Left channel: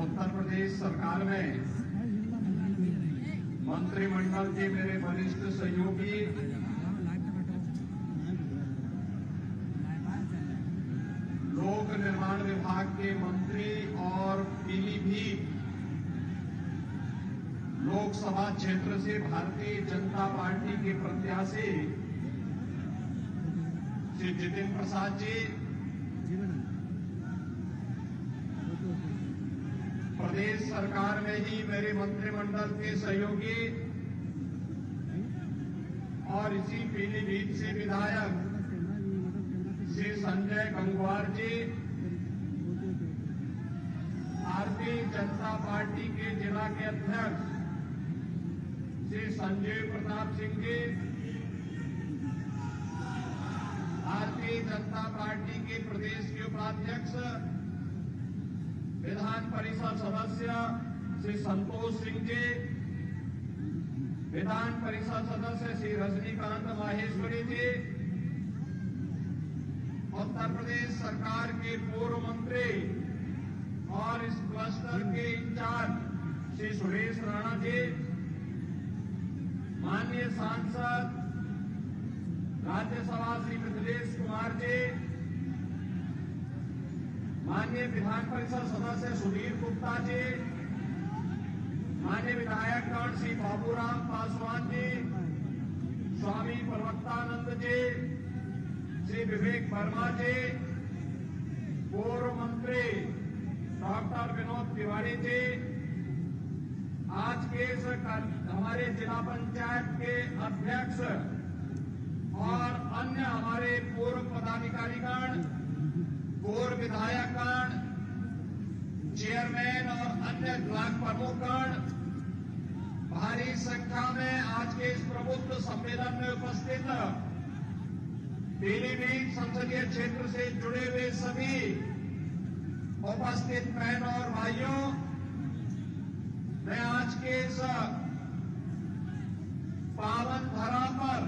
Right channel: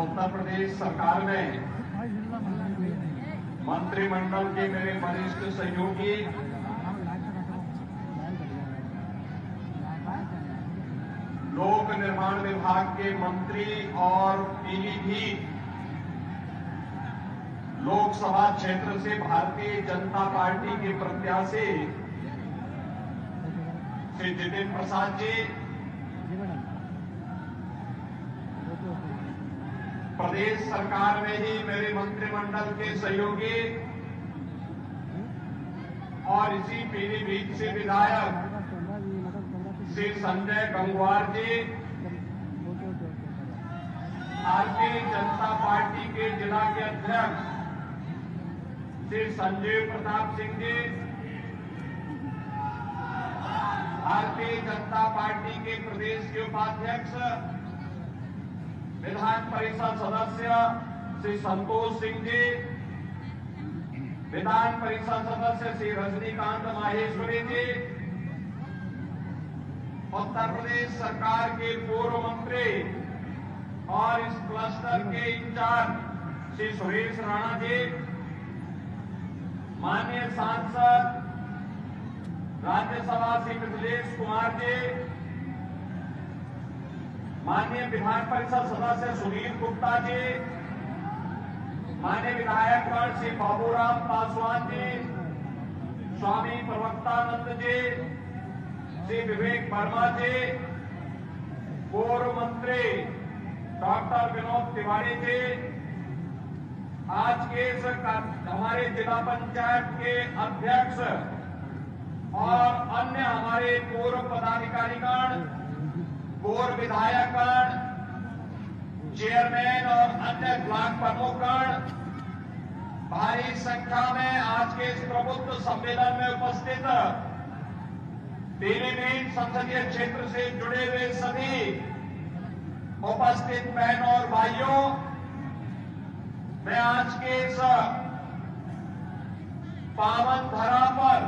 उत्तर प्रदेश सरकार में मंत्रिमंडल के मेरे वरिष्ठ सहयोगी लोक निर्माण विभाग के मंत्री और पीलीभीत लोकसभा क्षेत्र से भारतीय जनता पार्टी के प्रत्याशी श्री जितिन प्रसाद जी, प्रदेश सरकार में ही मेरे मंत्रिमंडल के सहयोगी और इसी पीलीभीत से विधायक श्री संजय गंगवार जी, भारतीय जनता पार्टी के जिला के अध्यक्ष श्री संजीव प्रताप सिंह जी, भारतीय जनता पार्टी के प्रदेश के उपाध्यक्ष विधान परिषद सदस्य श्री संतोष सिंह जी, विधान परिषद सदस्य श्री रजनीकांत माहेश्वरी जी, उत्तर प्रदेश सरकार के पूर्व मंत्री और इस क्लस्टर के इंचार्ज श्री सुरेश राणा जी, माननीय सांसद राज्यसभा श्री मिथिलेश कुमार जी, माननीय विधान परिषद सदस्य सुनील गुप्ता जी, माननीय विधायकगण श्री बाबूराम पासवान जी, स्वामी प्रवक्तानंद जी, श्री विवेक वर्मा जी, पूर्व मंत्री डॉक्टर विनोद तिवारी जी, आज के हमारे जिला पंचायत के अध्यक्ष और अन्य हमारे पूर्व पदाधिकारीगण, पूर्व विधायकगण, चेयरमैन और अन्य ब्लॉक प्रमुखगण, भारी संख्या में आज के इस प्रबुद्ध सम्मेलन में उपस्थित पीलीभीत संसदीय क्षेत्र से जुड़े हुए सभी उपस्थित बहनों और भाइयों, मैं आज के इस पावन धरा पर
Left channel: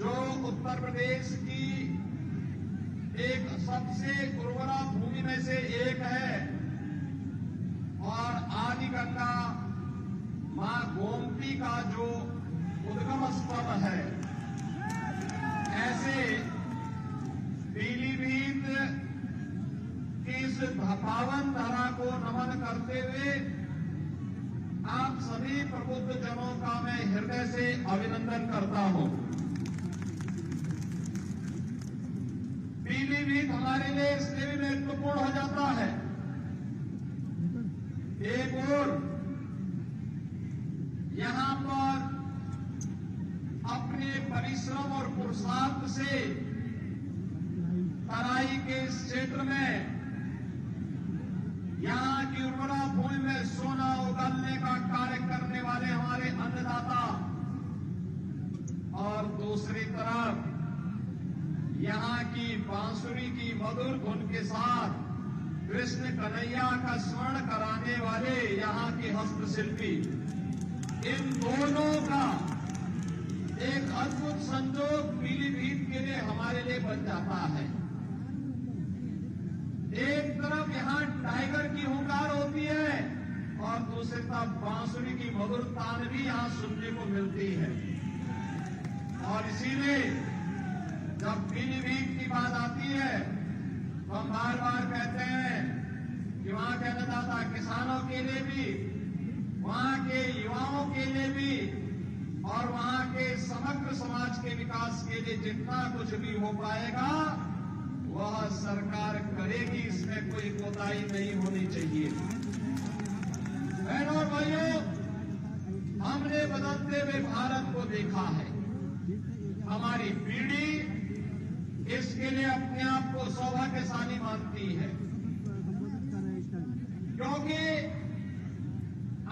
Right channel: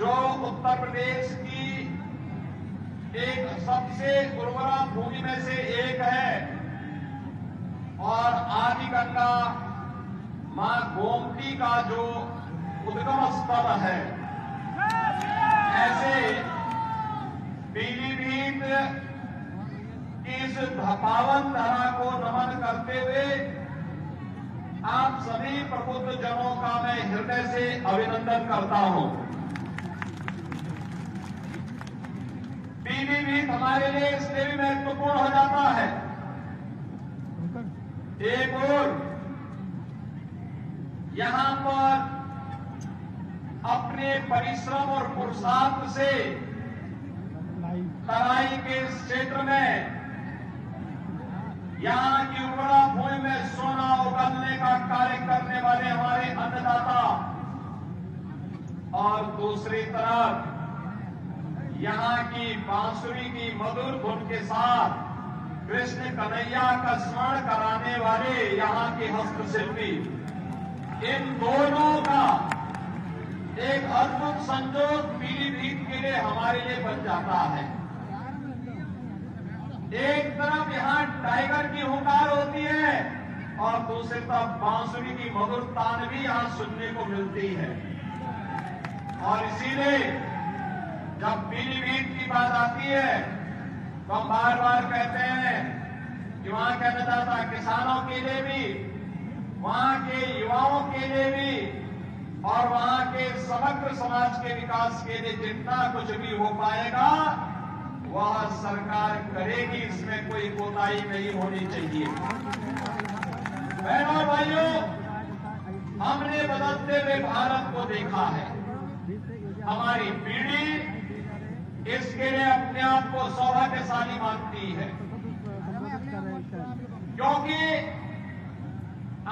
जो उत्तर प्रदेश की एक सबसे उर्वरा भूमि में से एक है और आदि गंगा मां गोमती का जो उद्गम स्थल है, ऐसे पीलीभीत की इस पावन धरा को नमन करते हुए आप सभी प्रबुद्ध जनों का मैं हृदय से अभिनंदन करता हूं। पीलीभीत हमारे लिए इसलिए भी महत्वपूर्ण हो जाता है, एक और यहां पर अपने परिश्रम और पुरुषार्थ से तराई के इस क्षेत्र में यहां की उर्वरा भूमि में सोना उगलने का कार्य करने वाले हमारे अन्नदाता और दूसरी तरफ यहां की बांसुरी की मधुर धुन के साथ कृष्ण कन्हैया का स्मरण कराने वाले यहां के हस्तशिल्पी, इन दोनों का एक अद्भुत संयोग पीलीभीत के लिए हमारे लिए बन जाता है। एक तरफ यहां टाइगर की हुंकार होती है और दूसरी तरफ बांसुरी की मधुर तान भी यहां सुनने को मिलती है। और इसीलिए जब पीलीभीत की बात आती है तो हम बार बार कहते हैं कि वहां के अन्नदाता किसानों के लिए भी, वहां के युवाओं के लिए भी और वहां के समग्र समाज के विकास के लिए जितना कुछ भी हो पाएगा वह सरकार करेगी, इसमें कोई कोताही नहीं होनी चाहिए। बहनों भाइयों, हमने बदलते हुए भारत को देखा है, हमारी पीढ़ी इसके लिए अपने आप को सौभाग्यशाली मानती है, क्योंकि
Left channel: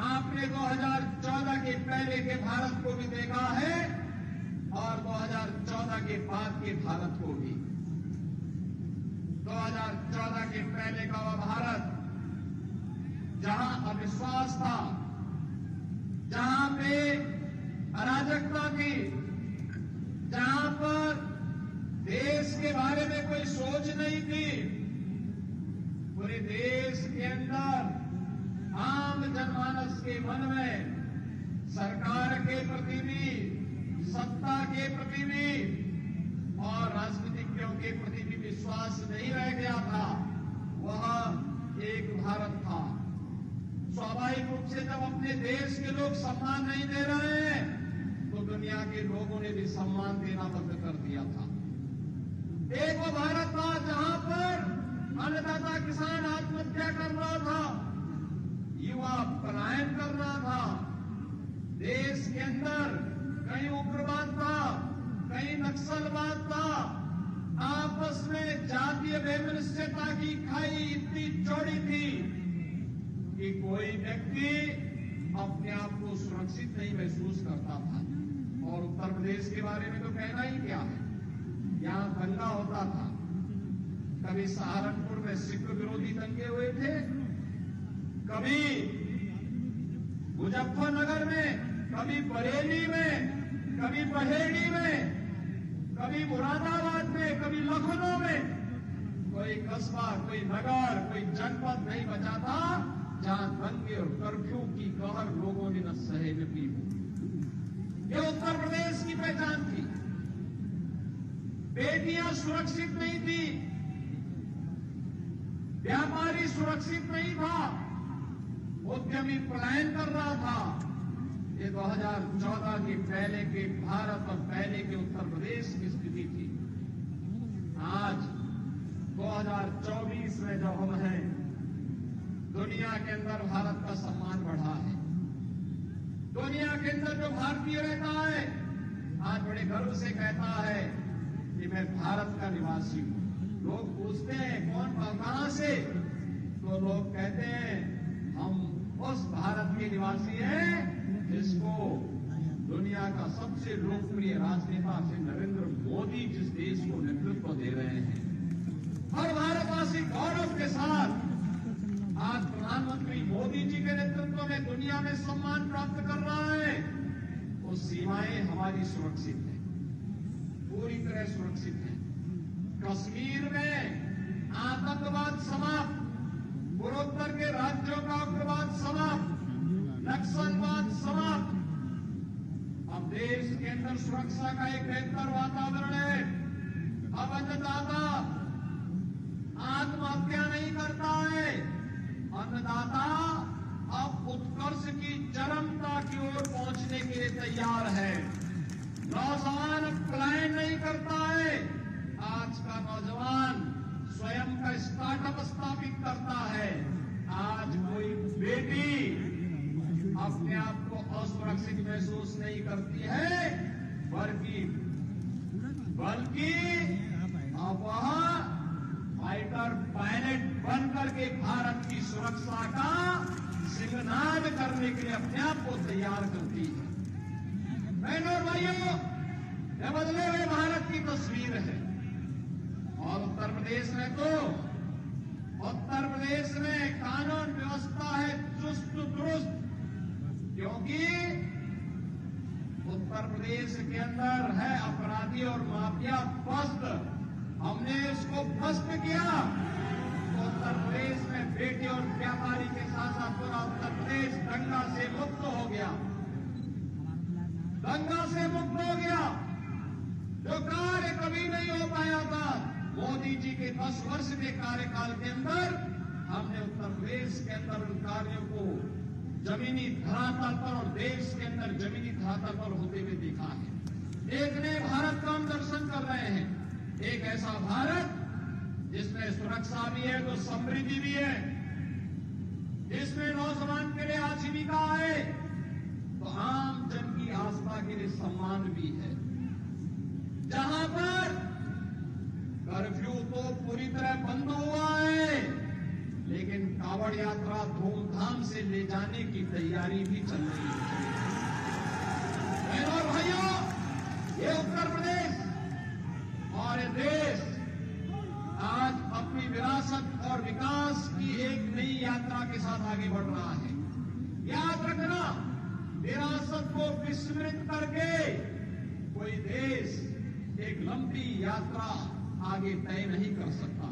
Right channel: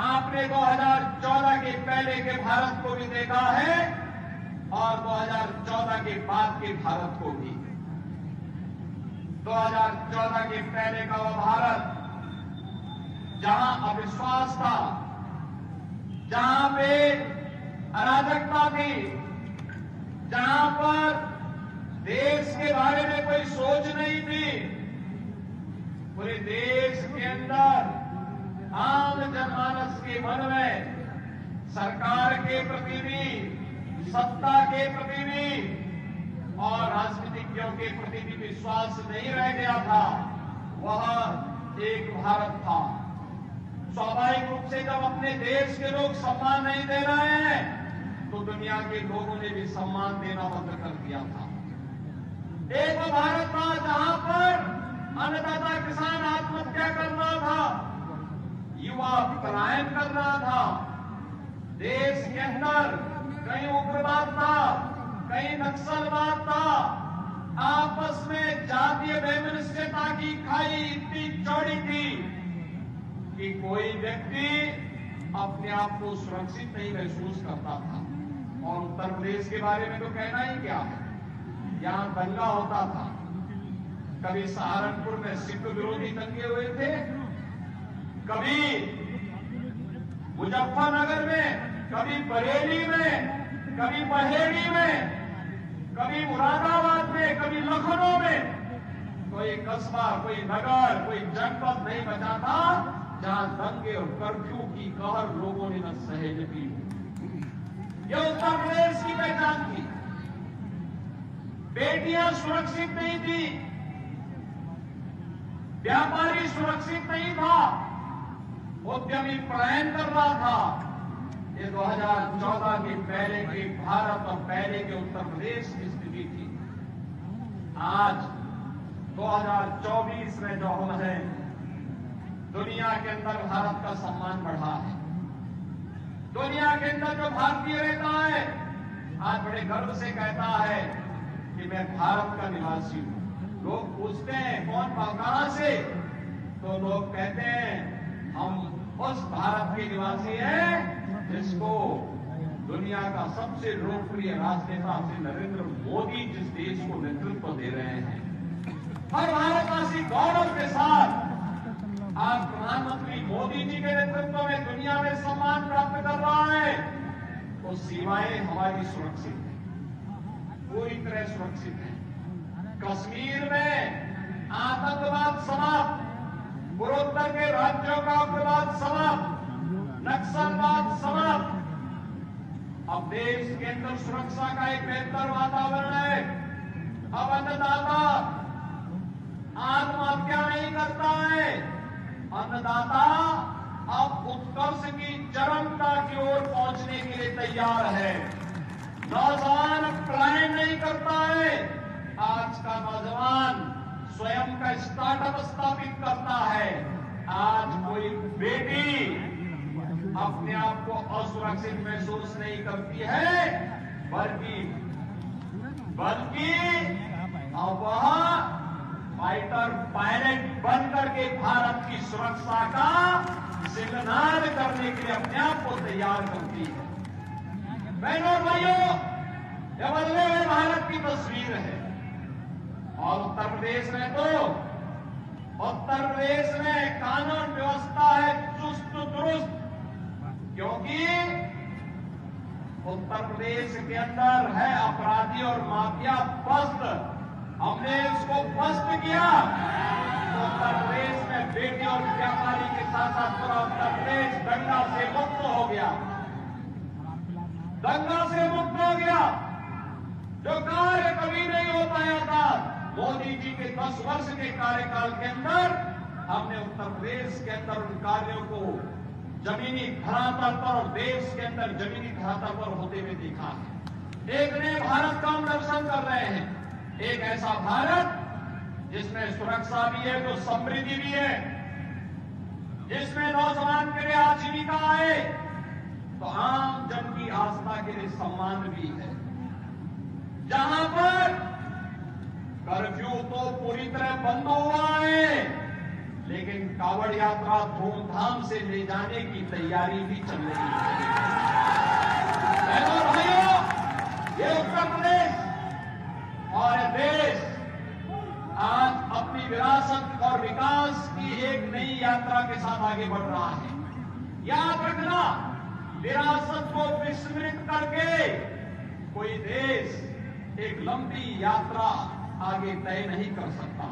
आपने 2014 के पहले के भारत को भी देखा है और 2014 के बाद के भारत को भी। 2014 के पहले का वह भारत जहां अविश्वास था, जहां पे अराजकता थी, जहां पर देश के बारे में कोई सोच नहीं थी, पूरे देश के मन में सरकार के प्रति भी, सत्ता के प्रति भी और राजनीतिज्ञों के प्रति भी विश्वास नहीं रह गया था। वह एक भारत था। स्वाभाविक रूप से जब अपने देश के लोग सम्मान नहीं दे रहे हैं तो दुनिया के लोगों ने भी सम्मान देना बंद कर दिया था। एक वो भारत था जहां पर अन्नदाता किसान आत्महत्या कर रहा था, युवा पलायन कर रहा था, देश के अंदर कहीं उग्रवाद था, कहीं नक्सलवाद था, आपस में जातीय वैमनस्यता की खाई इतनी चौड़ी थी कि कोई व्यक्ति अपने आप को सुरक्षित नहीं महसूस करता था। और उत्तर प्रदेश के बारे में तो कहना ही क्या, यहां दंगा होता था। कभी सहारनपुर में सिख विरोधी दंगे हुए थे, कभी मुजफ्फरनगर में, कभी बरेली में, कभी बहेड़ी में, कभी मुरादाबाद में, कभी लखनऊ में। कोई कस्बा, कोई नगर, कोई जनपद नहीं बचा था जहां दंगे और कर्फ्यू की कहर लोगों ने न सहे की। यह उत्तर प्रदेश की पहचान थी। बेटियां सुरक्षित नहीं थी, व्यापारी सुरक्षित नहीं था, उद्यमी पलायन कर रहा था। ये 2014 के पहले के भारत और पहले के उत्तर प्रदेश की स्थिति थी। आज 2024 में जो हम हैं, दुनिया के अंदर भारत का सम्मान बढ़ा है। दुनिया के अंदर जो भारतीय रहता है आज बड़े गर्व से कहता है कि मैं भारत का निवासी हूं। लोग पूछते हैं कौन कहां से, तो लोग कहते हैं हम उस भारत के निवासी हैं जिसको दुनिया का सबसे लोकप्रिय राजनेता श्री नरेंद्र मोदी जिस देश को नेतृत्व दे रहे हैं। हर भारतवासी गौरव के साथ आज प्रधानमंत्री मोदी जी के नेतृत्व में दुनिया में सम्मान प्राप्त कर रहा है। तो सीमाएं हमारी सुरक्षित हैं, पूरी तरह सुरक्षित हैं। कश्मीर में आतंकवाद समाप्त, पूर्वोत्तर के राज्यों का उग्रवाद समाप्त, नक्सलवाद समाप्त। अब देश के अंदर सुरक्षा का एक बेहतर वातावरण है। अब अन्नदाता आत्महत्या नहीं करता है। अन्नदाता अब उत्कर्ष की चरमता की ओर पहुंचने के लिए तैयार है। नौजवान पलायन नहीं करता है। आज का नौजवान स्वयं का स्टार्टअप स्थापित करता है। आज कोई बेटी अपने आप को असुरक्षित महसूस नहीं करती है, बल्कि अब वह फाइटर पायलट बनकर के भारत की सुरक्षा का सिग्नल करने के लिए अपने आप को तैयार करती है। बहनों और भाइयों, यह बदले हुए भारत की तस्वीर है। और उत्तर प्रदेश में कानून व्यवस्था है चुस्त दुरुस्त, क्योंकि उत्तर प्रदेश के अंदर है अपराधी और माफिया पस्त। हमने इसको पस्त किया तो उत्तर प्रदेश में बेटी और व्यापारी के साथ साथ पूरा उत्तर प्रदेश दंगा से मुक्त हो गया। दंगा से मुक्त हो गया। जो कार्य कभी नहीं हो पाया था, मोदी जी के 10 वर्ष के कार्यकाल के अंदर हमने उत्तर प्रदेश के अंदर उन कार्यों को जमीनी धरातल पर और देश के अंदर जमीनी धरातल पर होते हुए देखा है। एक नए भारत का हम दर्शन कर रहे हैं। एक ऐसा भारत जिसमें सुरक्षा भी है तो समृद्धि भी है, जिसमें नौजवान के लिए आजीविका है तो आम जन की आस्था के लिए सम्मान भी है, जहां पर कर्फ्यू तो पूरी तरह बंद हुआ है, लेकिन कावड़ यात्रा धूमधाम से ले जाने की तैयारी भी चल रही है। बहनों और भाइयों, ये उत्तर प्रदेश और देश आज अपनी विरासत और विकास की एक नई यात्रा के साथ आगे बढ़ रहा है। याद रखना, विरासत को विस्मृत करके कोई देश एक लंबी यात्रा आगे तय नहीं कर सकता।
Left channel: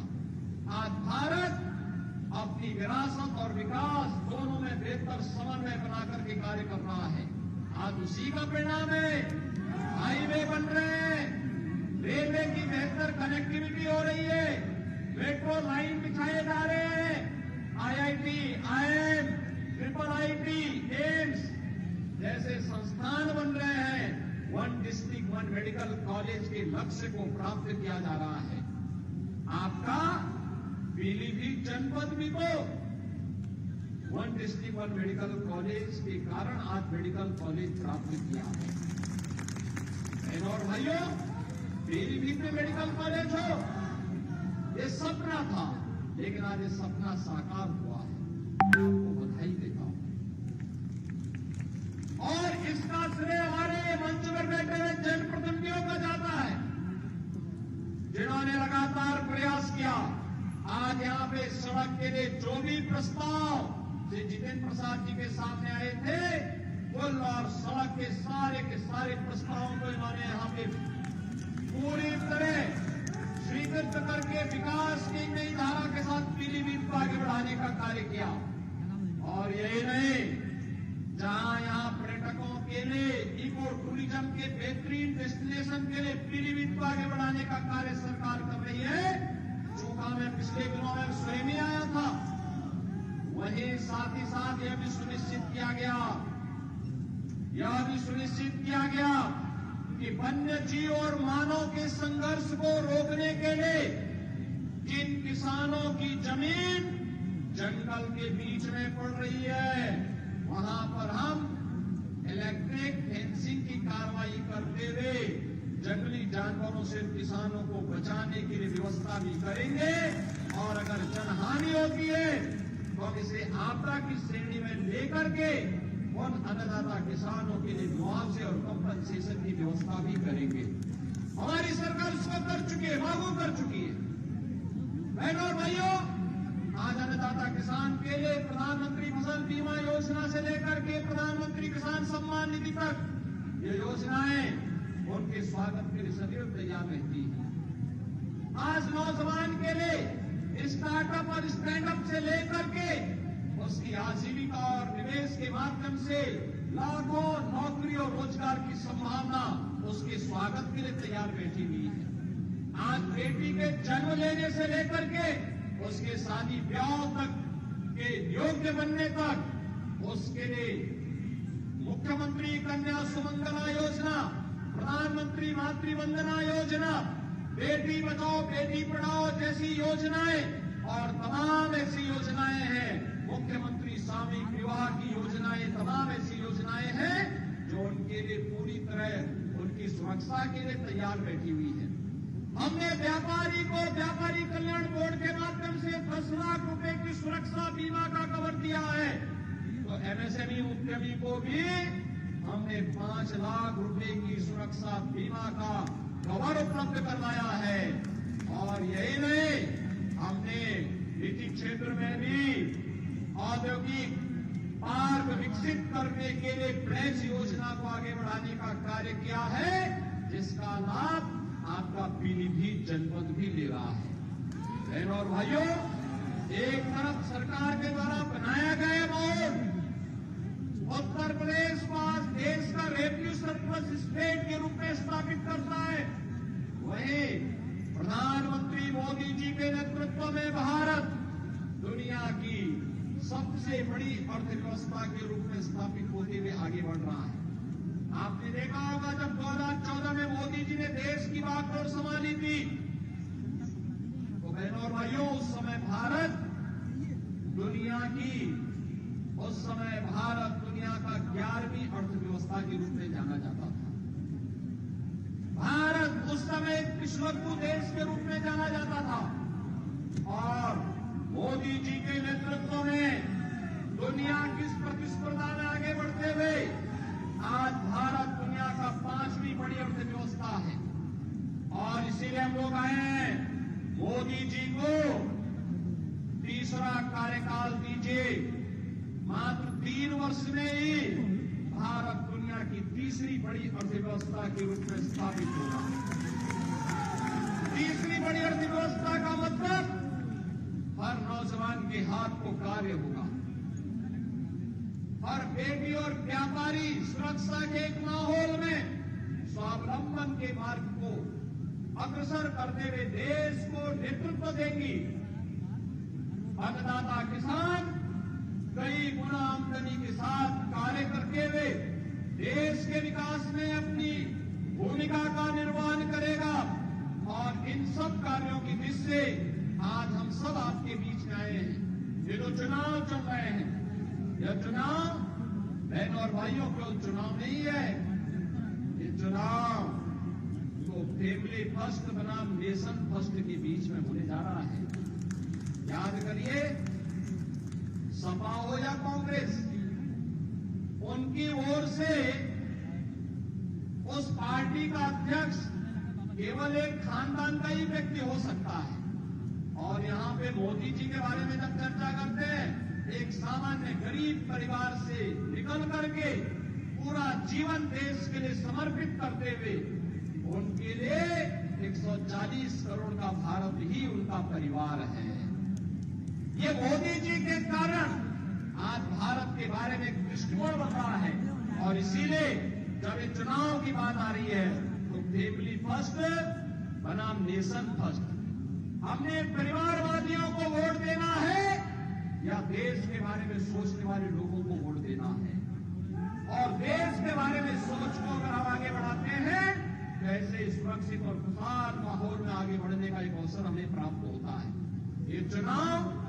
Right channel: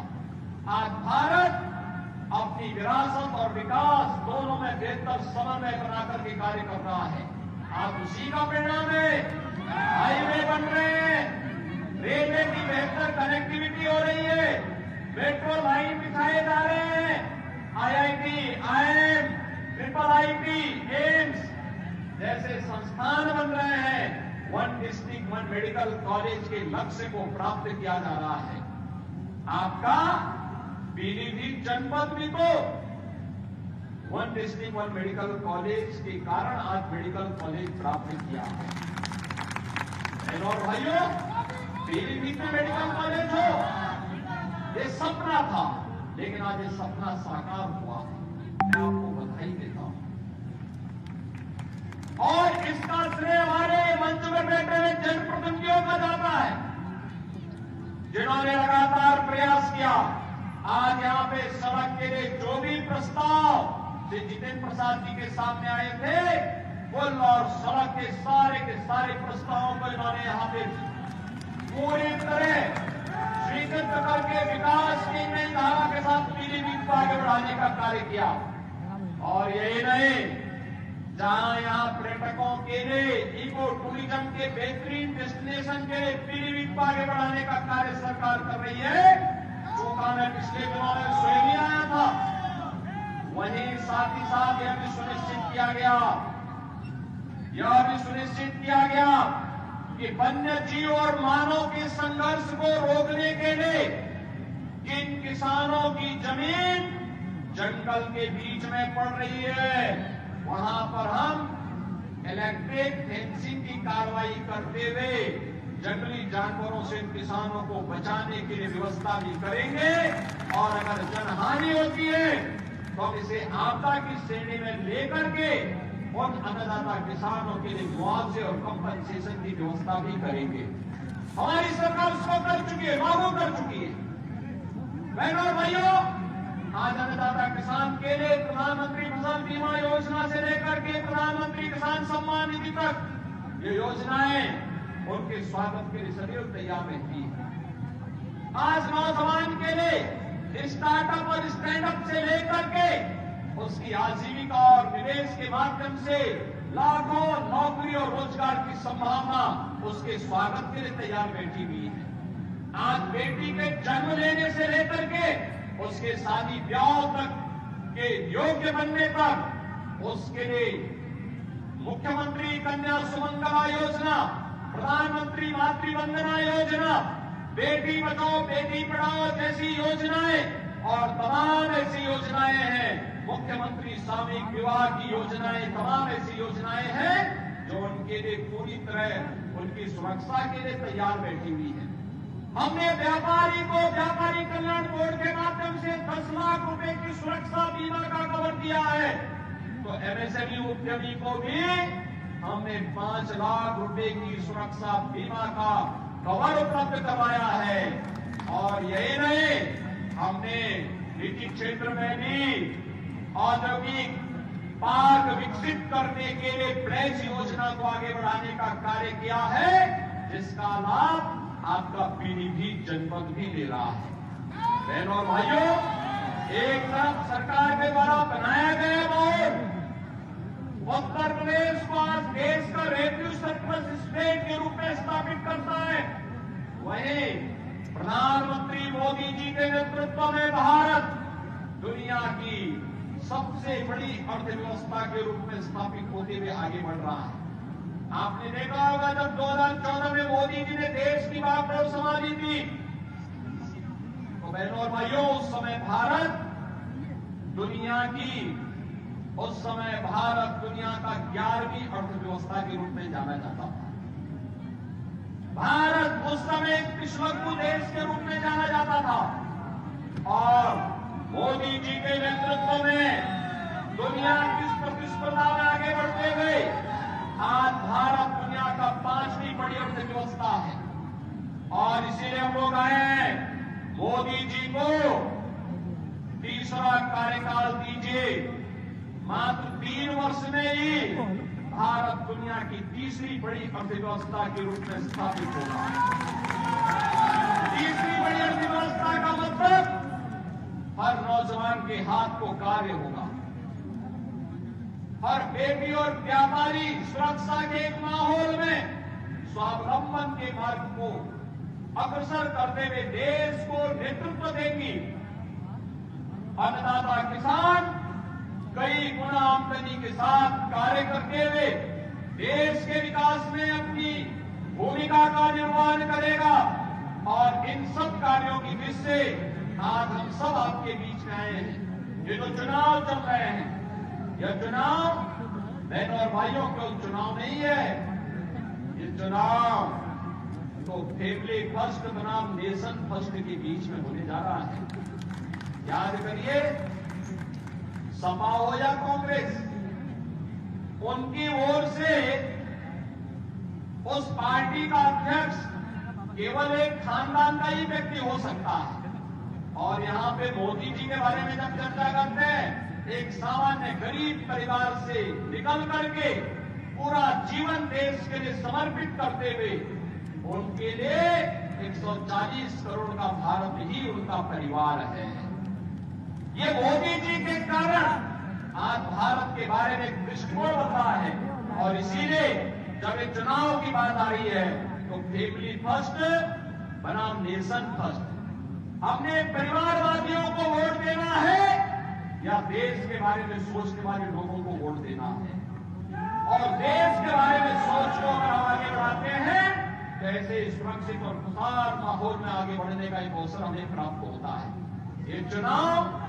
आज भारत अपनी विरासत और विकास दोनों में बेहतर समन्वय बना करके कार्य कर रहा है। आज उसी का परिणाम है, हाईवे बन रहे हैं, रेलवे की बेहतर कनेक्टिविटी हो रही है, मेट्रो लाइन बिछाए जा रहे हैं, IIT, IIM, IIT, एम्स जैसे संस्थान बन रहे हैं। One district one medical college के लक्ष्य को प्राप्त किया जा रहा है। आपका पीलीभीत जनपद भी तो one district one medical college के कारण आज मेडिकल कॉलेज प्राप्त किया है। बहनों और भाइयों, पीलीभीत में मेडिकल कॉलेज हो, ये सपना था, लेकिन आज ये सपना साकार हुआ। मैं आपको बधाई देता हूं और इसका श्रेय हमारे मंच में बैठे हुए जनप्रतिनिधियों का जाता है, जिन्होंने लगातार प्रयास किया। आज यहाँ पे सड़क के लिए जो भी प्रस्ताव श्री जितेंद्र प्रसाद जी के सामने आए थे, पुल और सड़क के सारे प्रस्तावों को इन्होंने यहाँ पे पूरी तरह स्वीकृत करके विकास की नई धारा के साथ पीलीभीत को आगे बढ़ाने का कार्य किया। और यही नहीं, जहां यहाँ पर्यटकों के लिए इको टूरिज्म के बेहतरीन डेस्टिनेशन के लिए पीलीभीत को आगे बढ़ाने का कार्य सरकार कर रही है। चूंकि मैं पिछले दिनों में स्वयं ही आया था, वहीं साथ ही साथ यह भी सुनिश्चित किया गया कि वन्य जीव और मानव के संघर्ष को रोकने के लिए किन किसानों की जमीन जंगल के बीच में पड़ रही है, वहां पर हम इलेक्ट्रिक फेंसिंग की कार्रवाई करते हुए जंगली जानवरों से किसानों को बचाने के लिए व्यवस्था भी करेंगे। और अगर जनहानि होती है तो इसे आपदा की श्रेणी में लेकर के उन अन्नदाता किसानों के लिए मुआवजे और कंपनसेशन की व्यवस्था भी करेंगे। हमारी सरकार उसको कर चुकी है, लागू कर चुकी है। बहनों और भाइयों, आज अन्नदाता किसान के लिए प्रधानमंत्री फसल बीमा योजना से लेकर के प्रधानमंत्री किसान सम्मान निधि तक ये योजनाएं उनके स्वागत के लिए सदैव तैयार रहती है। आज नौजवान के लिए स्टार्टअप और स्टैंडअप से लेकर के उसकी आजीविका और निवेश के माध्यम से लाखों नौकरी और रोजगार की संभावना उसके स्वागत के लिए तैयार बैठी हुई है। आज बेटी के जन्म लेने से लेकर के उसके शादी ब्याह तक के योग्य बनने तक उसके लिए मुख्यमंत्री कन्या सुमंगला योजना, प्रधानमंत्री मातृ वंदना योजना, बेटी बचाओ बेटी पढ़ाओ जैसी योजनाएं और तमाम ऐसी योजनाएं हैं, मुख्यमंत्री सामूहिक विवाह की योजनाएं, तमाम ऐसी योजनाएं हैं जो उनके लिए पूरी तरह उनकी सुरक्षा के लिए तैयार बैठी हुई है। हमने व्यापारी को व्यापारी कल्याण बोर्ड के माध्यम से 10 लाख रुपए की सुरक्षा बीमा का कवर किया है, तो MSME उद्यमी को भी हमने 5 लाख रुपए की सुरक्षा बीमा का कवर उपलब्ध करवाया है। और यही नहीं, हमने निजी क्षेत्र में भी औद्योगिक पार्क विकसित करने के लिए प्लेस योजना को आगे बढ़ाने का कार्य किया है, जिसका लाभ आपका पीलीभीत जनपद भी ले रहा है। बहनों और भाइयों, एक तरफ सरकार के द्वारा बनाया गया बोर्ड उत्तर प्रदेश को आज देश का रेवेन्यू सरप्लस स्टेट के रूप में स्थापित करता है, वहीं प्रधानमंत्री मोदी जी के नेतृत्व में भारत दुनिया की सबसे बड़ी अर्थव्यवस्था के रूप में स्थापित होते हुए आगे बढ़ रहा है। आपने देखा होगा जब 2014 में मोदी जी ने देश की बागडोर संभाली थी, तो बहनों और भाइयों, उस समय भारत दुनिया का 11वीं अर्थव्यवस्था के रूप में जाना जाता था। भारत उस समय एक पिछड़ू देश के रूप में जाना जाता था, और मोदी जी के नेतृत्व में दुनिया की प्रतिस्पर्धा में आगे बढ़ते हुए आज भारत दुनिया का 5वीं बड़ी अर्थव्यवस्था है। और इसीलिए हम लोग आए हैं, मोदी जी को तीसरा कार्यकाल दीजिए। मात्र 3 वर्ष में ही भारत दुनिया की तीसरी बड़ी अर्थव्यवस्था के रूप में स्थापित होगा। तीसरी बड़ी अर्थव्यवस्था का मतलब हर नौजवान के हाथ को कार्य होगा, हर बेटी और व्यापारी सुरक्षा के एक माहौल में स्वावलंबन के मार्ग को अग्रसर करते हुए देश को नेतृत्व देगी। अन्नदाता किसान कई गुना आमदनी के साथ कार्य करते हुए देश के विकास में अपनी भूमिका का निर्वहन करेगा। और इन सब कार्यों की वजह से आज हम सब आपके बीच में आए हैं। ये जो चुनाव चल रहे हैं, यह चुनाव बहनों और भाइयों केवल चुनाव नहीं है। ये चुनाव तो फैमिली फर्स्ट बनाम नेशन फर्स्ट के बीच में होने जा रहा है। याद करिए, सपा हो या कांग्रेस, उनकी ओर से उस पार्टी का अध्यक्ष केवल एक खानदान का ही व्यक्ति हो सकता है। और यहां पे मोदी जी के बारे में जब चर्चा करते हैं, एक सामान्य गरीब परिवार से निकल करके पूरा जीवन देश के लिए समर्पित करते हुए उनके लिए 140 करोड़ का भारत ही उनका परिवार है। ये मोदी जी के कारण आज भारत के बारे में दृष्टिकोण बदला है। और इसीलिए जब एक चुनाव की बात आ रही है तो फैमिली फर्स्ट बनाम नेशन फर्स्ट, हमने परिवारवादियों को वोट देना है या देश के बारे में सोचने वाले लोगों को वोट देना है। और देश के बारे में सोच को अगर हम आगे बढ़ाते हैं तो ऐसे सुरक्षित और खुशहाल माहौल में आगे बढ़ने का एक अवसर हमें प्राप्त होता है। ये चुनाव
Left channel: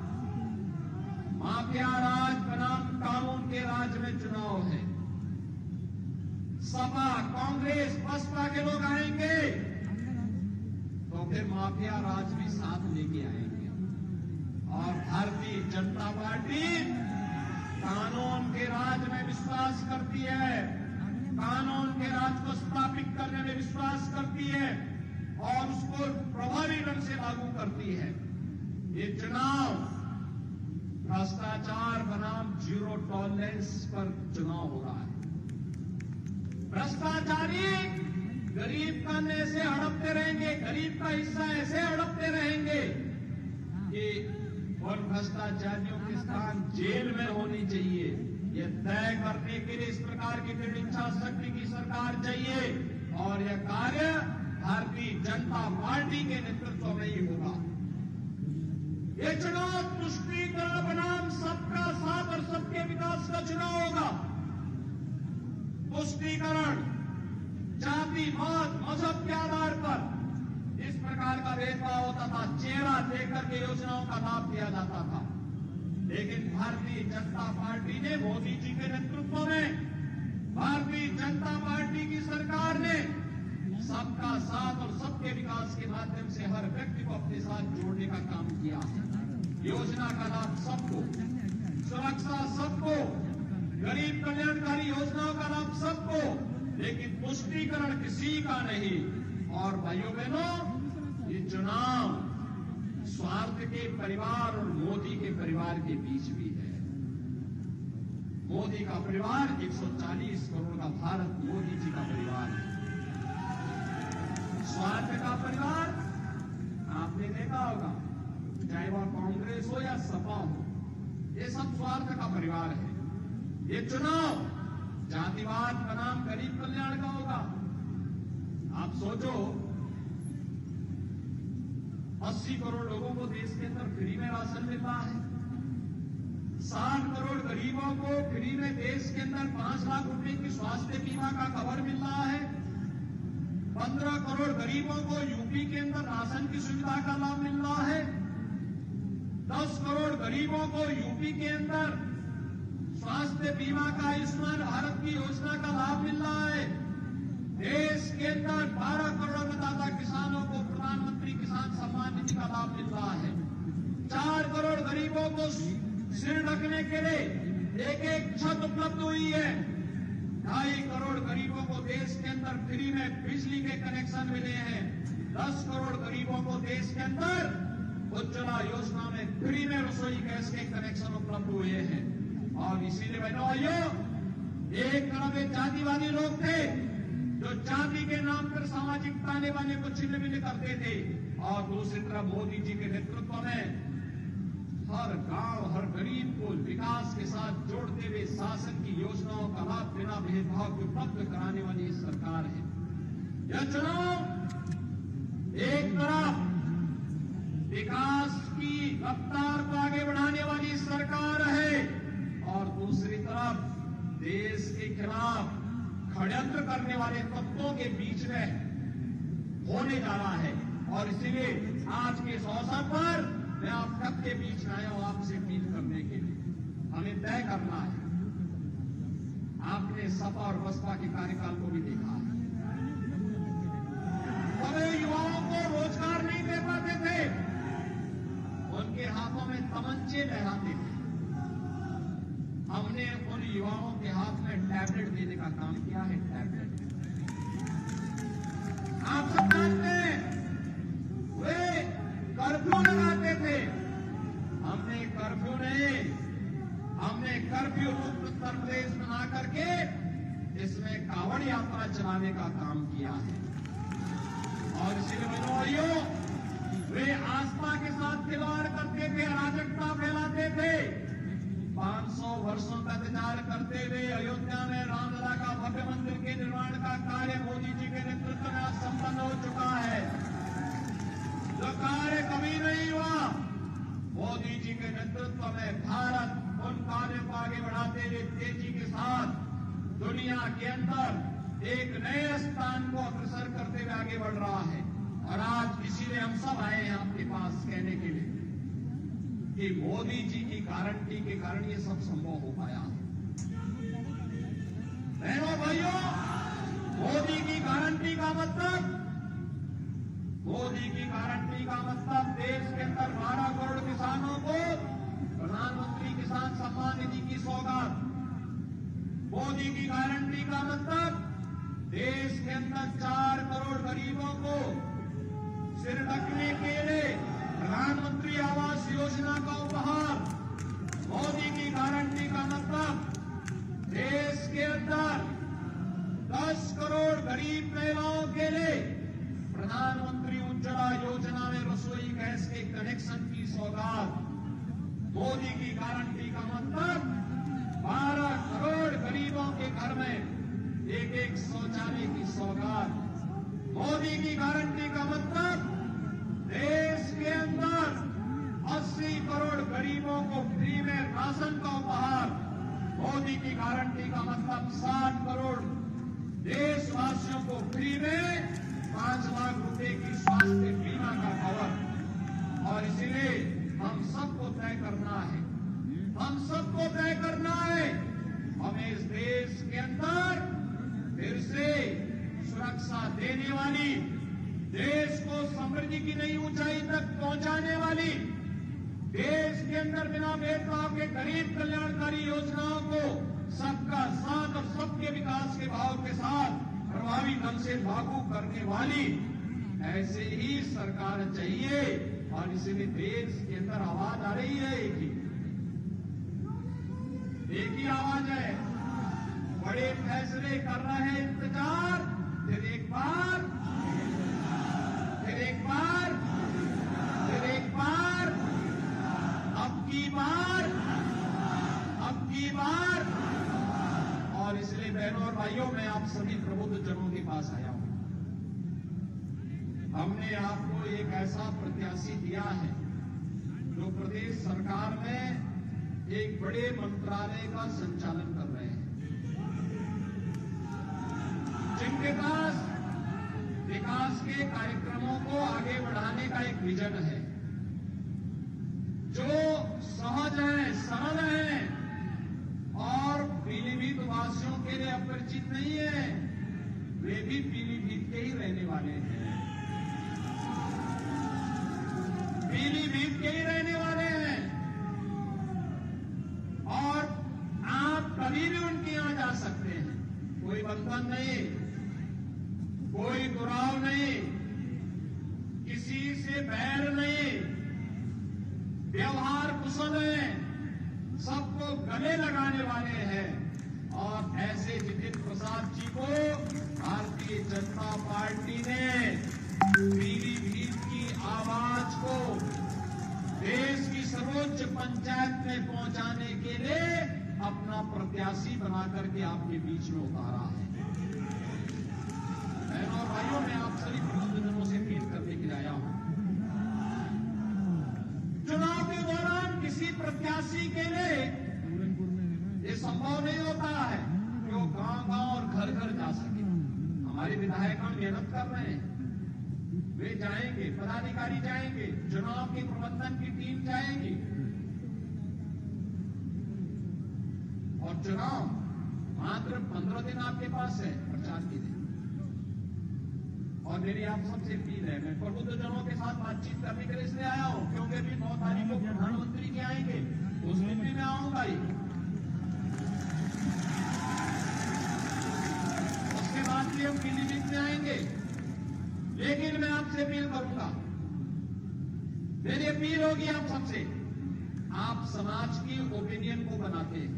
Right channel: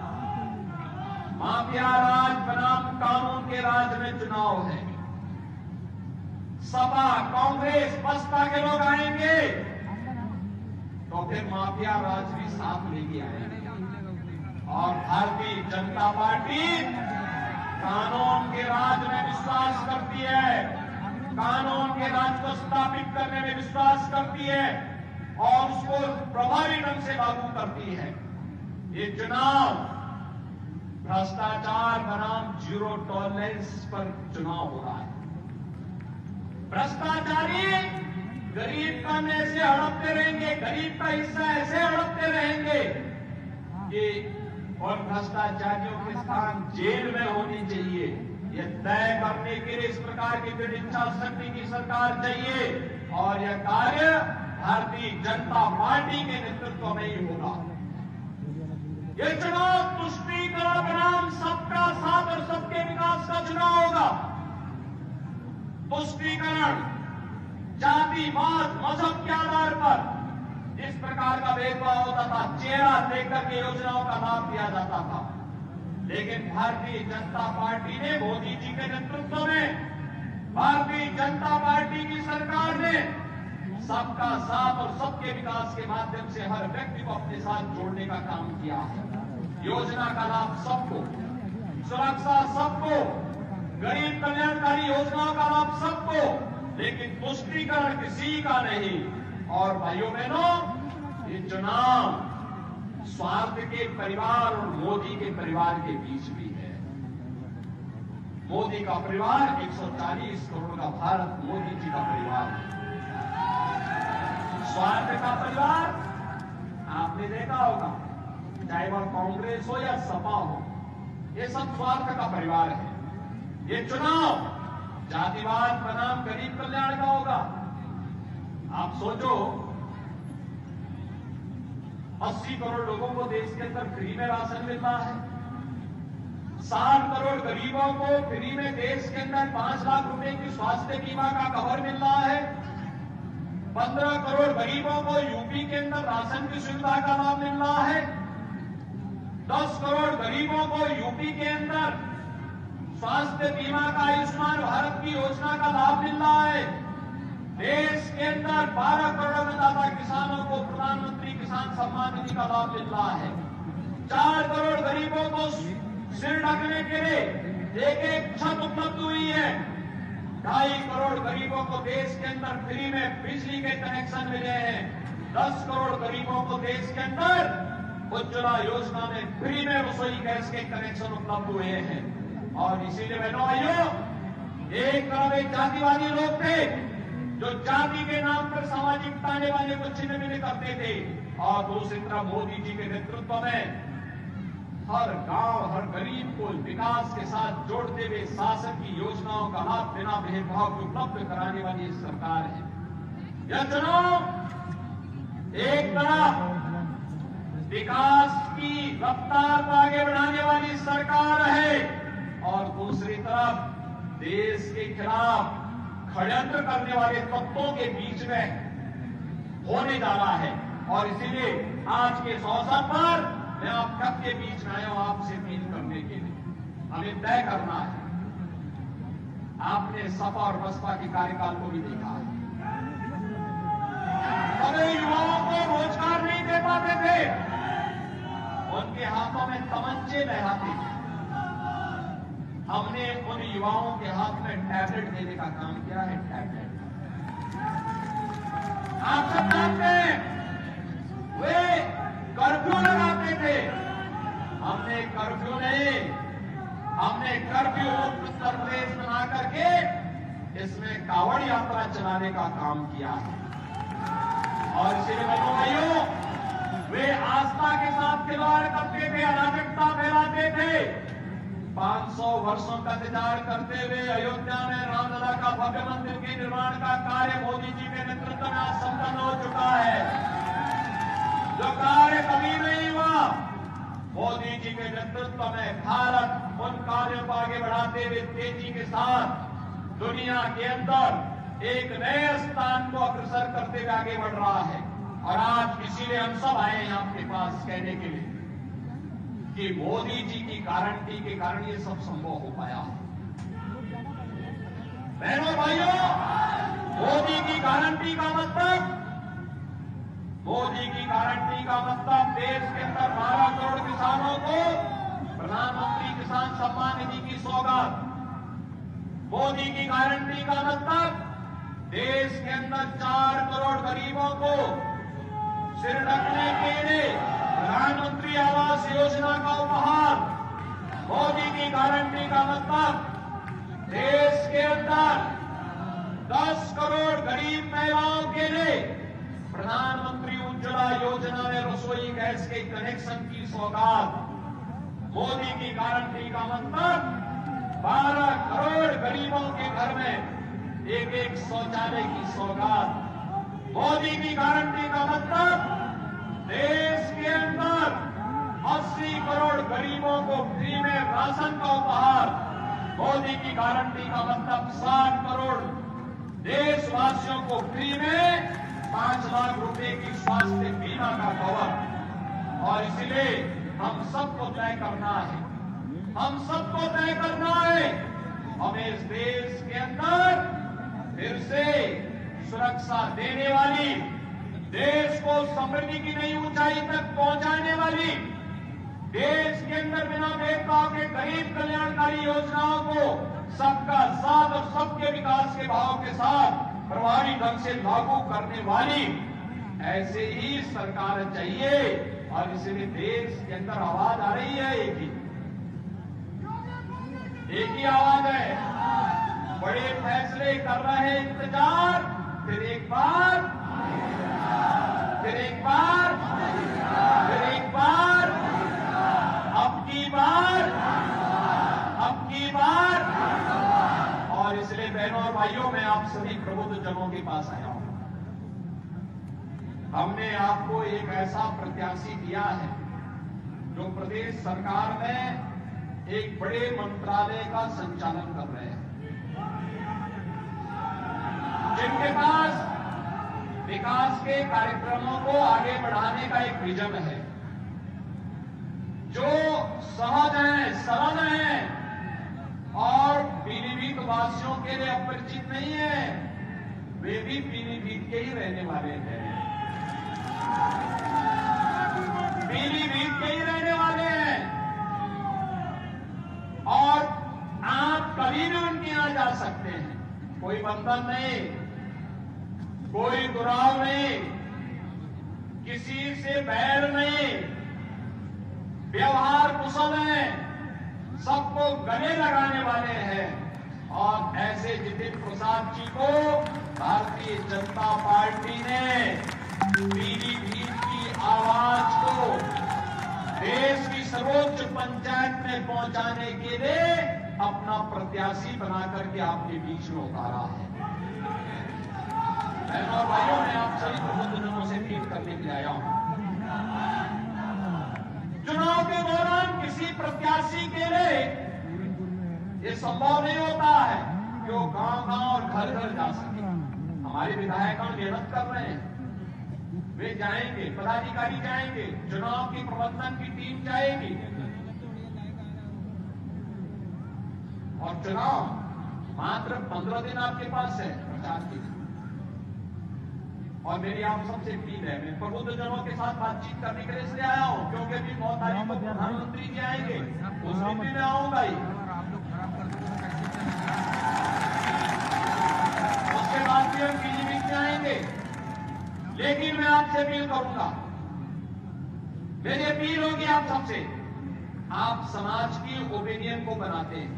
माफिया राज बनाम कानून के राज में चुनाव है। सपा, कांग्रेस, बसपा के लोग आएंगे तो फिर माफिया राज भी साथ लेके आएंगे। और भारतीय जनता पार्टी कानून के राज में विश्वास करती है, कानून के राज को स्थापित करने में विश्वास करती है और उसको प्रभावी ढंग से लागू करती है। ये चुनाव भ्रष्टाचार बनाम जीरो टॉलरेंस पर चुनाव हो रहा है। भ्रष्टाचारी गरीब का में ऐसे हड़पते रहेंगे, गरीब का हिस्सा ऐसे हड़पते रहेंगे कि, और भ्रष्टाचारियों के स्थान जेल में होनी चाहिए। ये तय करने के लिए इस प्रकार की इच्छा शक्ति की सरकार चाहिए और यह कार्य भारतीय जनता पार्टी के नेतृत्व में ही होगा। ये चुनाव तुष्टीकरण बनाम सबका साथ और सबके विकास का चुनाव होगा। तुष्टीकरण जातिवाद मजहब के आधार पर जिस प्रकार का भेदभाव होता था, चेहरा देखकर के योजनाओं का लाभ दिया जाता था, लेकिन भारतीय जनता पार्टी ने मोदी जी के नेतृत्व में भारतीय जनता पार्टी की सरकार ने सबका साथ और सबके विकास के माध्यम से हर व्यक्ति को अपने साथ जोड़ने का काम किया है। योजना का लाभ सबको, सुरक्षा सबको, गरीब कल्याणकारी योजनाओं का लाभ सबको, लेकिन तुष्टीकरण किसी का नहीं। और भाइयों बहनों, ये चुनाव स्वार्थ के परिवार और मोदी के परिवार के बीच भी है। मोदी का परिवार 140 करोड़ का भारत मोदी जी का परिवार है। स्वार्थ का परिवार आपने देखा होगा, चाहे वह कांग्रेस हो या सपा हो, ये सब स्वार्थ का परिवार है। ये चुनाव जातिवाद बनाम गरीब कल्याण का होगा। आप सोचो, 80 करोड़ लोगों को देश के अंदर फ्री में राशन मिल रहा है। 60 करोड़ गरीबों को फ्री में देश के अंदर 5 लाख रुपए की स्वास्थ्य बीमा का कवर मिल रहा है। 15 करोड़ गरीबों को यूपी के अंदर राशन की सुविधा का लाभ मिल रहा है। 10 करोड़ गरीबों को यूपी के अंदर स्वास्थ्य बीमा का आयुष्मान भारत की योजना का लाभ मिल रहा है। देश के अंदर 12 करोड़ अन्नदाता किसानों को प्रधानमंत्री किसान सम्मान निधि का लाभ मिल रहा है। 4 करोड़ गरीबों को सिर ढकने के लिए एक छत उपलब्ध हुई है। 2.5 करोड़ गरीबों को देश के अंदर फ्री में बिजली के कनेक्शन मिले हैं। 10 करोड़ गरीबों को देश के अंदर उज्ज्वला योजना में फ्री में रसोई गैस के कनेक्शन उपलब्ध हुए हैं। और इसीलिए बहनों भाइयों, एक तरफ एक जातिवादी लोग थे जो जाति के नाम पर सामाजिक ताने बाने को छिन्न भिन्न करते थे, और दूसरी तरफ मोदी जी के नेतृत्व में हर गांव, हर गरीब को विकास के साथ जोड़ते हुए शासन की योजनाओं का लाभ बिना भेदभाव के उपलब्ध कराने वाली ये सरकार है। यह चुनाव एक तरफ विकास की रफ्तार को आगे बढ़ाने वाली सरकार है और दूसरी तरफ देश के खिलाफ षड्यंत्र करने वाले तत्वों के बीच में होने जा रहा है। और इसीलिए आज के इस अवसर पर मैं आप सबके बीच में आया हूं आपसे अपील करने के लिए। हमें तय करना है। आपने सपा और बसपा के कार्यकाल को भी देखा है। कभी युवाओं को रोजगार नहीं दे पाते थे, उनके हाथों में तमंचे लहराते थे। हमने उन युवाओं के हाथ में टैबलेट देने का काम किया है। टैबलेट आप सब जानते हैं, वे कर्फ्यू लगाते थे। हमने कर्फ्यू मुक्त उत्तर प्रदेश बना करके इसमें कावड़ यात्रा चलाने का काम किया है। और इसलिए बहनों भाइयों, वे आस्था के साथ खिलवाड़ करते थे, अराजकता फैलाते थे। 500 वर्षों का इंतजार करते हुए अयोध्या में रामलला का भव्य मंदिर के निर्माण का कार्य मोदी जी के नेतृत्व में संपन्न हो चुका है। जो कार्य कभी नहीं हुआ, मोदी जी के नेतृत्व में भारत उन कार्यों को आगे बढ़ाते हुए तेजी के साथ दुनिया के अंदर एक नए स्थान को अग्रसर करते हुए आगे बढ़ रहा है। और आज इसीलिए हम सब आए हैं आपके पास कहने के लिए कि मोदी जी की गारंटी के कारण ये सब संभव हो पाया है। बहनों भाइयों, मोदी की गारंटी का मतलब देश के अंदर 12 करोड़ किसानों को प्रधानमंत्री किसान सम्मान निधि की सौगात। मोदी की गारंटी का मतलब देश के अंदर 4 करोड़ गरीबों को सिर ढकने के लिए प्रधानमंत्री आवास योजना का उपहार। मोदी की गारंटी का मतलब देश के अंदर 10 करोड़ गरीब महिलाओं के लिए प्रधानमंत्री उज्ज्वला योजना में रसोई गैस के कनेक्शन की सौगात। मोदी की गारंटी का मतलब 12 करोड़ गरीबों के घर में एक शौचालय की सौगात। मोदी की गारंटी का मतलब देश के अंदर 80 करोड़ गरीबों को फ्री में राशन का उपहार। मोदी की गारंटी का मतलब 60 करोड़ देशवासियों को फ्री में 5 लाख रुपए की स्वास्थ्य बीमा का कवर। और इसलिए हम सबको तय करना है, हमें इस देश के अंदर फिर से सुरक्षा देने वाली, देश को समृद्धि की नई ऊंचाई तक पहुंचाने वाली, देश के अंदर बिना भेदभाव के गरीब कल्याणकारी योजनाओं को सबका साथ और सबके विकास के भाव के साथ प्रभावी ढंग से लागू करने वाली ऐसे ही सरकार चाहिए। और इसलिए देश के अंदर आवाज आ रही है, एक ही आवाज है। बड़े फैसले कर रहे हैं इंतजार, फिर एक बार, अब की बार। और इसलिए बहनों और भाइयों, मैं आप सभी प्रबुद्ध जनों के पास आया हूं। हमने आपको एक ऐसा प्रत्याशी दिया है जो प्रदेश सरकार में एक बड़े मंत्रालय का संचालन कर रहे हैं, जिनके पास विकास के कार्यक्रमों को आगे बढ़ाने का एक विजन है, जो सहज है, सरल है और पीलीभीत वासियों के लिए अपरिचित नहीं है। वे भी पीलीभीत के ही रहने वाले हैं, और आप कभी भी उनके यहां जा सकते हैं। कोई बंधन नहीं, कोई दुराव नहीं, किसी से बैर नहीं, व्यवहार कुशल है, सबको गले लगाने वाले हैं। और ऐसे जितिन प्रसाद जी को भारतीय जनता पार्टी ने पीलीभीत की आवाज को देश की सर्वोच्च पंचायत में पहुंचाने के लिए अपना प्रत्याशी बना करके आपके बीच में उतारा है। बहनों और भाइयों, मैं आप सभी प्रबुद्धजनों से अपील करने के लिए आया हूं। चुनाव के दौरान किसी प्रत्याशी के लिए ये संभव नहीं होता है कि वो गांव-गांव और घर-घर जा सके। हमारे विधायक मेहनत कर रहे हैं, वे जाएंगे, पदाधिकारी जाएंगे, चुनाव की प्रबंधन की टीम जाएगी और चुनाव मात्र 15 दिन आपके पास है प्रचार के लिए। और मेरी आप सबसे अपील है, मैं प्रबुद्धजनों के साथ बातचीत करने के लिए इसलिए आया हूं क्योंकि अभी 9 तारीख को प्रधानमंत्री जी आएंगे, उस दिन भी मैं आऊंगा ही, उसके बाद भी हम पीलीभीत में आएंगे। लेकिन मैं आपसे अपील करूंगा, मेरी अपील होगी आप सबसे, आप समाज की ओपिनियन को बनाते हैं,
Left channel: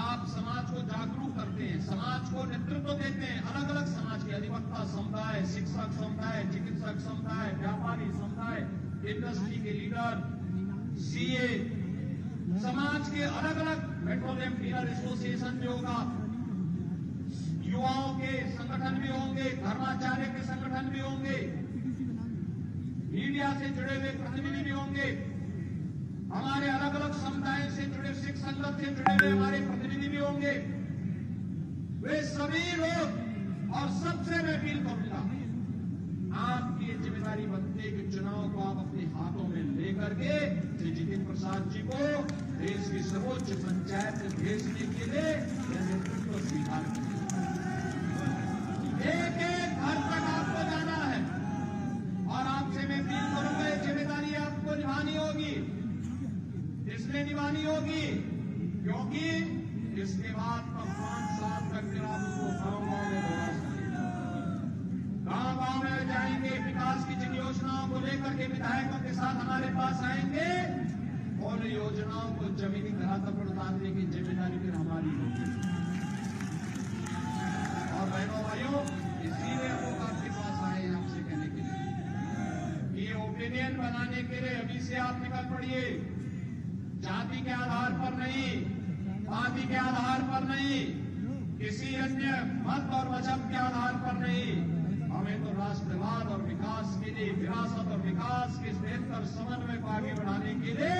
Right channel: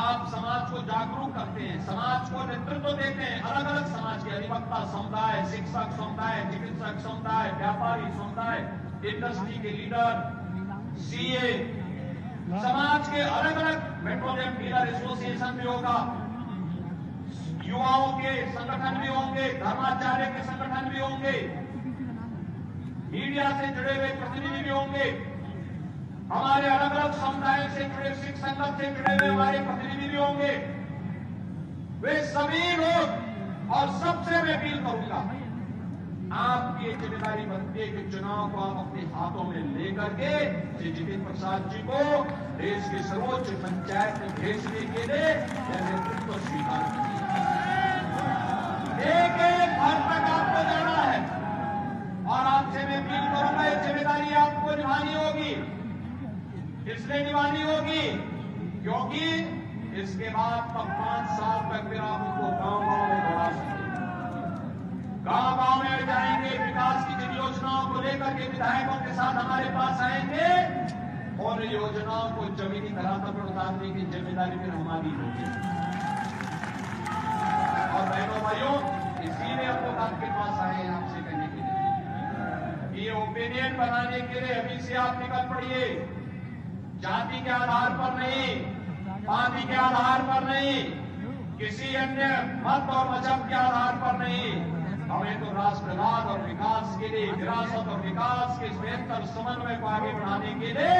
आप समाज को जागरूक करते हैं, समाज को नेतृत्व देते हैं, अलग अलग समाज के अधिवक्ता समुदाय, शिक्षक समुदाय, चिकित्सक समुदाय, व्यापारी समुदाय, इंडस्ट्री के लीडर, सीए, समाज के अलग अलग पेट्रोलियम डीलर एसोसिएशन भी होगा, युवाओं के संगठन भी होंगे, धर्माचार्य के संगठन भी होंगे, मीडिया से जुड़े हुए प्रतिनिधि भी होंगे, हमारे अलग अलग समुदाय से जुड़े, सिख संगठन से जुड़े हुए हमारे प्रतिनिधि भी होंगे। वे सभी लोग और सबसे मैं अपील करूंगा, आपकी ये जिम्मेदारी बनती है कि चुनाव को आप अपने हाथों में लेकर के जितेंद्र प्रसाद जी को देश की सर्वोच्च पंचायत में भेजने के लिए नेतृत्व स्वीकार करिए। एक एक घर तक आपको जाना है और आपसे मैं अपील करूंगा, ये जिम्मेदारी आपको निभानी होगी। इसलिए निभानी होगी क्योंकि इसके बाद तब 5 साल तक फिर आप उनको गांव-गांव में दौड़ा सकते, गांव-गांव में जाएंगे, विकास की जिन योजनाओं को लेकर के विधायकों के साथ हमारे पास आएंगे और योजनाओं को जमीनी धरातल पर उतारने की जिम्मेदारी फिर हमारी होगी। और बहनों भाइयों, इसीलिए हम लोग आपके पास आए हैं आपसे कहने के लिए, ये ओपिनियन बनाने के लिए अभी से आप निकल पड़िए, जाति के आधार पर नहीं, पार्टी के आधार पर नहीं, किसी अन्य मत और मजहब के आधार पर नहीं, हमें तो राष्ट्रवाद और विकास के लिए, विरासत और विकास के बेहतर समन्वय को आगे बढ़ाने के लिए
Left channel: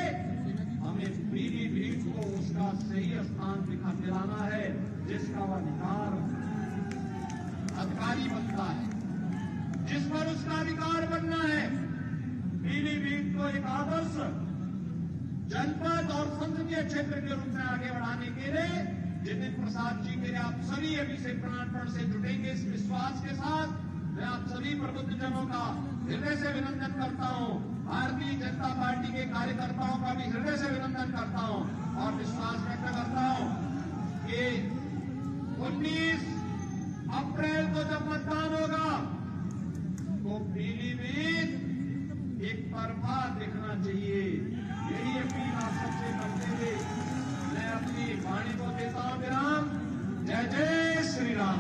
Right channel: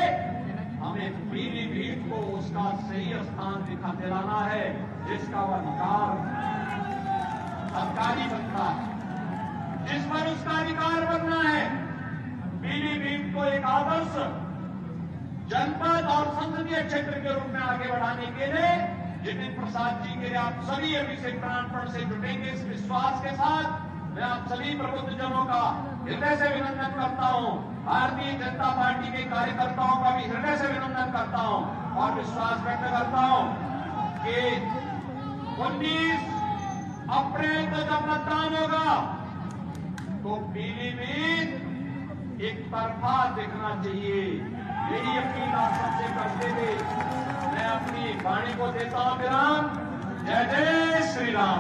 हमें पीलीभीत को उसका सही स्थान दिलाना है, जिसका वह अधिकारी बनता है, जिस पर उसका अधिकार बनना है। पीलीभीत को एक आदर्श जनपद और संसदीय क्षेत्र के रूप में आगे बढ़ाने के लिए जितेंद्र प्रसाद जी के लिए आप सभी अभी से प्राणपण से जुटेंगे, इस विश्वास के साथ मैं आप सभी प्रबुद्धजनों का हृदय से अभिनंदन करता हूं, भारतीय जनता पार्टी के कार्यकर्ताओं का भी हृदय से अभिनंदन करता हूं और विश्वास व्यक्त करता हूं कि 19 अप्रैल को जब मतदान होगा तो पीलीभीत एक तरफा दिखना चाहिए। यही अपील आप सबसे करते हुए मैं अपनी वाणी को देता हूं विराम। जय जय श्री राम।